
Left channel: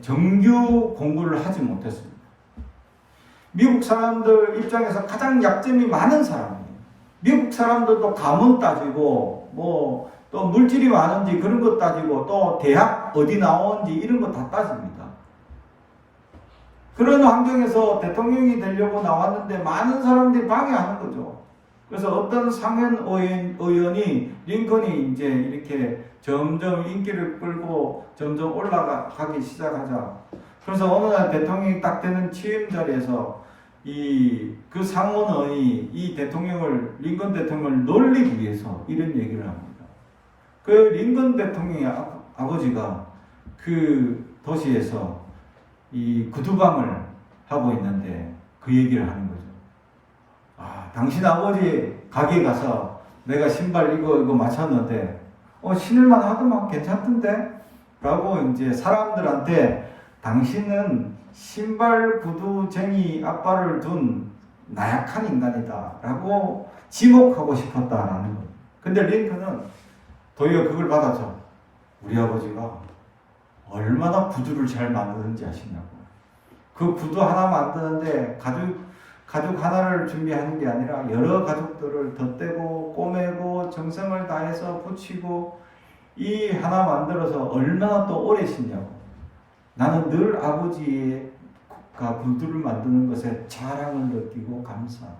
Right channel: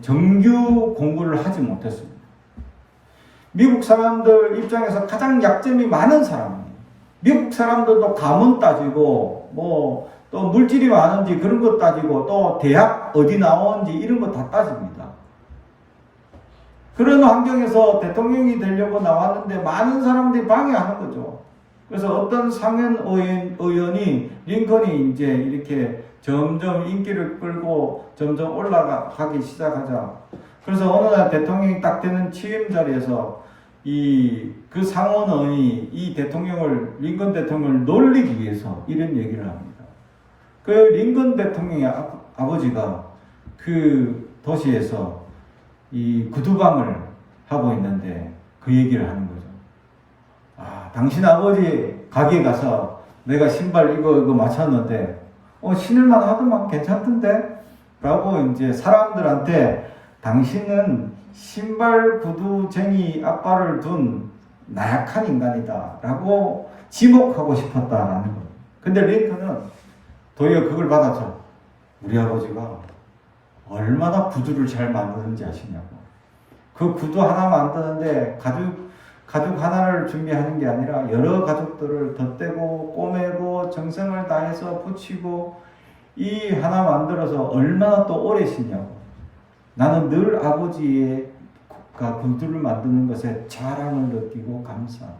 정규 공부를 하지 못했습니다. 미국 사람들 입장에서 가장 약점이 많은 사람이에요. 미국 사람들도 가문 따지고 또 물질이 많은지 그런 것 따지고 또 대학 어디 나오는지 이런 거 다 따집니다. 그런 환경에서 대통령이 되려고 나왔는데 많은 사람들이 방해하는 거죠. 그래서 어떤 상원 의원이 링컨이 이제 이렇게 점점 인기를 끌고 점점 올라가기 시작하자. 그래서 어느 날 대통령이 딱 되는 취임 자리에서 그 상원의원이 이 링컨 대통령을 놀리기 위해서 이런 얘기를 합니다. 그 링컨 대통령의 아버지가 그 도시에서 이 구두방을 하고 있는데 그 얘기를 하는 거죠. 당신 아버지 가게 가서 내가 신발 이거 맞췄는데 신을만 하더만 괜찮던데? 라고 이제 사람들한테 당신은 신발 구두쟁이 아빠를 둔 나약한 인간이다 라고 지목하고 싶었다라는 거예요. 근데 링컨은 도리어 그걸 받아서 우리 아버지가 얼마나 구두를 잘 만드는지 아시냐고. 그 구두 하나 만드는데 가죽 하나를 준비하는 게 아니라 여러 가죽들을 덧대고 꼬매고 정성을 다해서 붙이고 이 하나 만들어서 얼마나 또 오래 신냐고. 나는 늘 아버지가 구두를 만드는 것에 자랑을 느끼고 감사한다.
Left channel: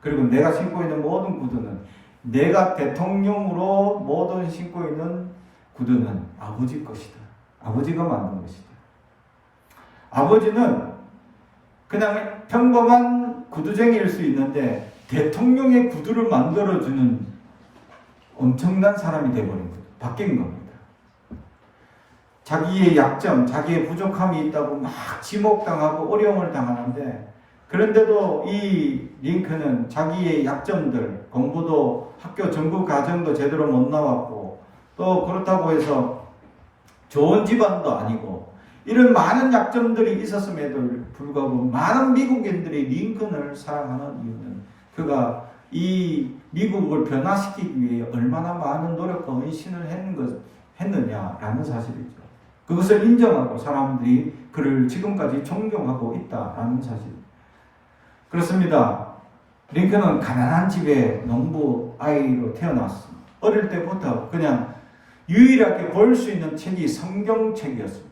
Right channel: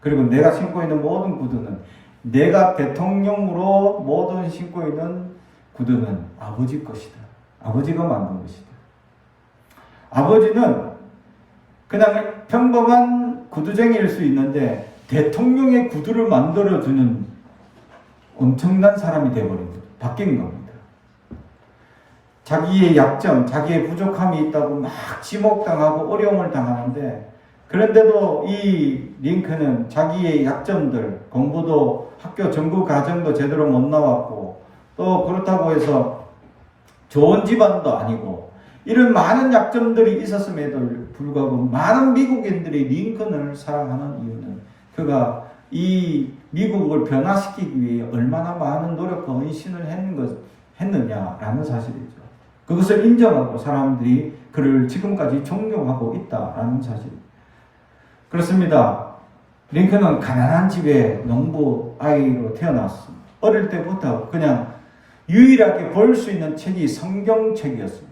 그리고 내가 신고 있는 모든 구두는 내가 대통령으로 모든 신고 있는 구두는 아버지 것이다. 아버지가 만든 것이다. 아버지는 그냥 평범한 구두쟁이일 수 있는데 대통령의 구두를 만들어주는 엄청난 사람이 되어버린 거죠. 바뀐 겁니다. 자기의 약점, 자기의 부족함이 있다고 막 지목당하고 어려움을 당하는데 그런데도 이 링컨은 자기의 약점들, 공부도 학교 전국 과정도 제대로 못 나왔고 또 그렇다고 해서 좋은 집안도 아니고 이런 많은 약점들이 있었음에도 불구하고 많은 미국인들이 링컨을 사랑하는 이유는 그가 이 미국을 변화시키기 위해 얼마나 많은 노력과 헌신을 했느냐라는 사실이죠. 그것을 인정하고 사람들이 그를 지금까지 존경하고 있다라는 사실. 그렇습니다. 링컨은 가난한 집에 농부 아이로 태어났습니다. 어릴 때부터 그냥 유일하게 볼 수 있는 책이 성경책이었습니다.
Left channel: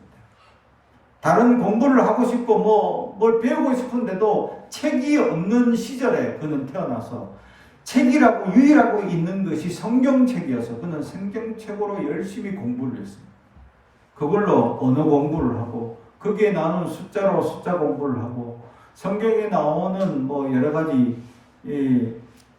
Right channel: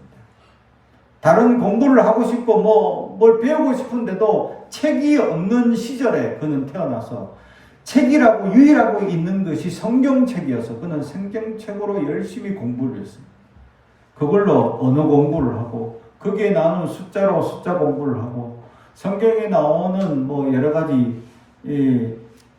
다른 공부를 하고 싶고 뭘 배우고 싶은데도 책이 없는 시절에 그는 태어나서 책이라고 유일하고 있는 것이 성경책이어서 그는 성경책으로 열심히 공부를 했습니다. 그걸로 언어 공부를 하고 거기에 나오는 숫자로 숫자 공부를 하고 성경에 나오는 여러 가지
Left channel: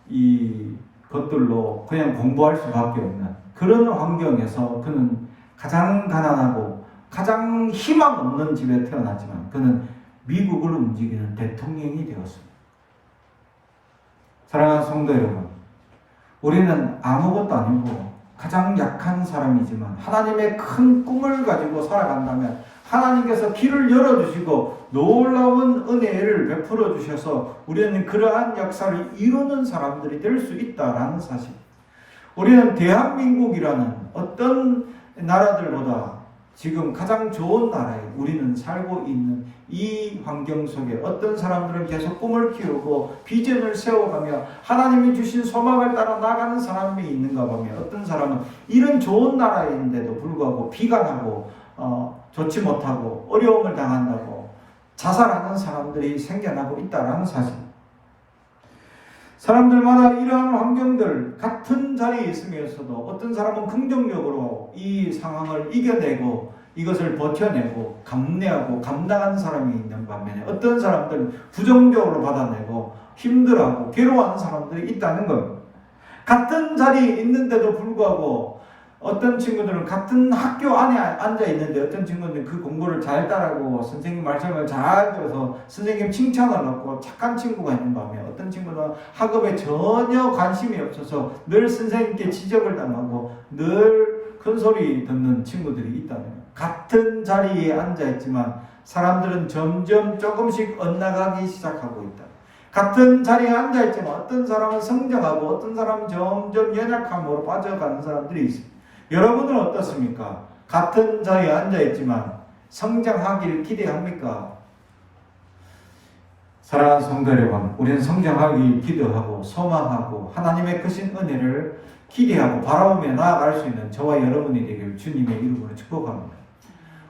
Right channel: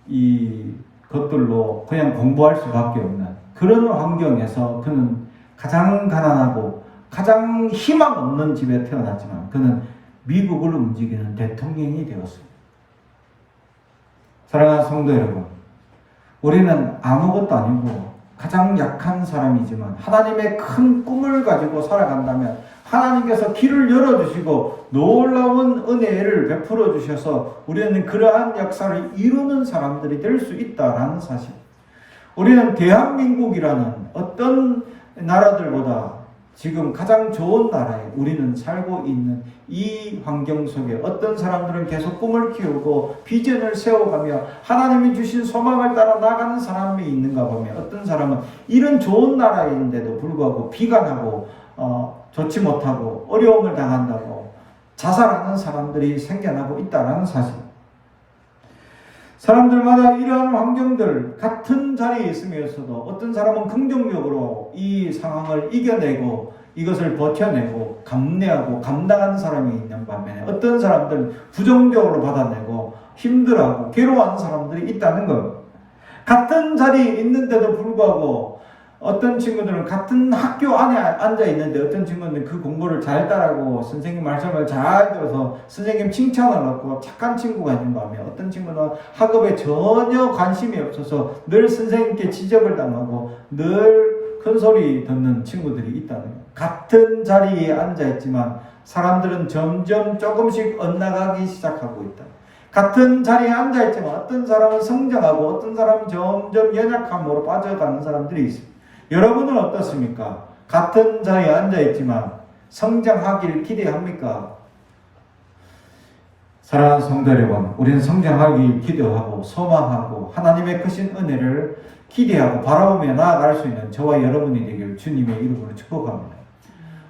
이 것들로 그냥 공부할 수밖에 없는 그런 환경에서 그는 가장 가난하고 가장 희망 없는 집에 태어났지만 그는 미국을 움직이는 대통령이 되었습니다. 사랑하는 성도 여러분, 우리는 아무것도 아니고 가장 약한 사람이지만 하나님의 큰 꿈을 가지고 살아간다면 하나님께서 길을 열어주시고 놀라운 은혜를 베풀어 주셔서 우리는 그러한 역사를 이루는 사람들이 될 수 있다라는 사실. 우리는 대한민국이라는 어떤 나라들보다 지금 가장 좋은 나라에 우리는 살고 있는 이 환경 속에 어떤 사람들은 계속 꿈을 키우고 비전을 세워가며 하나님이 주신 소망을 따라 나가는 사람이 있는가 보면 어떤 사람은 이런 좋은 나라인데도 불구하고 비관하고 좋지 못하고 어려움을 당한다고 자살하는 사람들이 생겨나고 있다는 사실. 사람들마다 이러한 환경들 같은 자리에 있으면서도 어떤 사람은 긍정적으로 이 상황을 이겨내고 이것을 버텨내고 감내하고 감당하는 사람이 있는 반면에 어떤 사람들은 부정적으로 받아내고 힘들어하고 괴로워하는 사람들이 있다는 겁니다. 같은 자리에 있는데도 불구하고 어떤 친구들은 같은 학교 안에 앉아 있는데 어떤 친구들은 그 공부를 잘 따라하고 선생님 말씀을 잘 들어서 선생님 칭찬을 얻고 착한 친구가 있는 반면 어떤 친구는 학업에 전혀 관심이 없어서 늘 선생님께 지적을 당하고 늘 큰소리 듣는 친구들이 있다는 거예요. 같은 자리에 앉아 있지만 사람들은 점점 조금씩 엇나가기 시작하고 있다. 같은 자리에 앉아 있지만 어떤 사람은 성장하고 어떤 사람은 점점 연약함으로 빠져가는 사람들이 있습니다. 여러분은 어떻습니까? 같은 자리에 앉아있지만 성장하길 기대합니까? 사랑하는 성도 여러분, 우리는 성장하길 기도하고 소망하고 하나님의 크신 은혜를 기대하고 바라보며 나아갈 수 있는 저와 여러분이 되길 주님의 이름으로 축복합니다.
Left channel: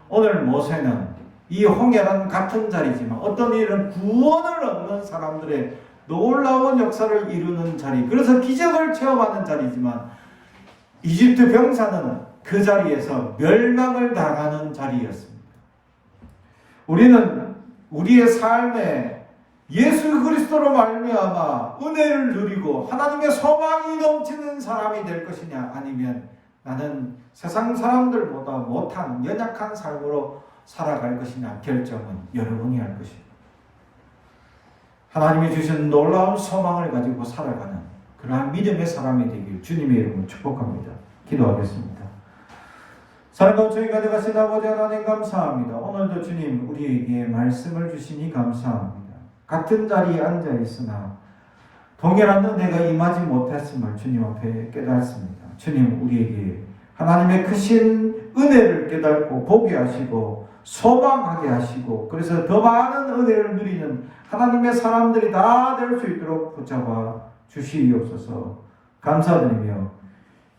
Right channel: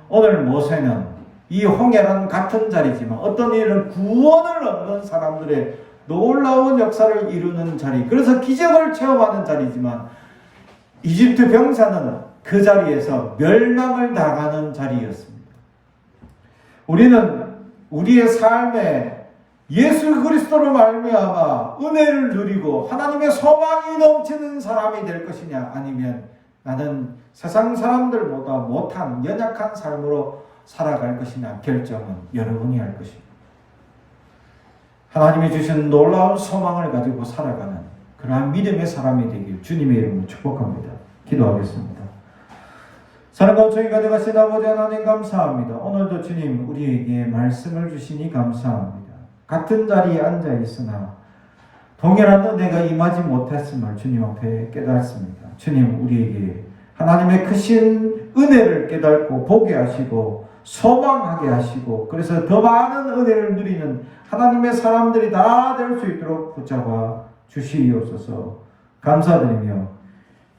오늘 모세는 이 홍해는 같은 자리지만 어떤 일은 구원을 얻는 사람들의 놀라운 역사를 이루는 자리, 그래서 기적을 체험하는 자리지만 이집트 병사는 그 자리에서 멸망을 당하는 자리였습니다. 우리는 우리의 삶에 예수 그리스도로 말미암아 은혜를 누리고 하나님의 소망이 넘치는 사람이 될 것이냐 아니면 나는 세상 사람들보다 못한 연약한 삶으로 살아갈 것이냐 결정은 여러분이 할 것입니다. 하나님이 주신 놀라운 소망을 가지고 살아가는 그러한 믿음의 사람이 되길 주님의 이름으로 축복합니다. 기도하겠습니다. 사랑하는 주님 가져가신 아버지 하나님 감사합니다. 오늘도 주님 우리에게 말씀을 주시니 감사합니다. 같은 자리에 앉아 있으나 동일한 은혜가 임하지 못했음을 주님 앞에 깨닫습니다. 주님 우리에게 하나님의 크신 은혜를 깨닫고 보게 하시고 소망하게 하시고 그래서 더 많은 은혜를 누리는 하나님의 사람들이 다 될 수 있도록 붙잡아 주시옵소서. 감사드리며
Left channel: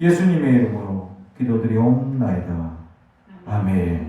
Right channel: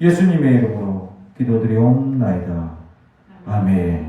예수님의 이름으로 기도드리옵나이다. 아멘.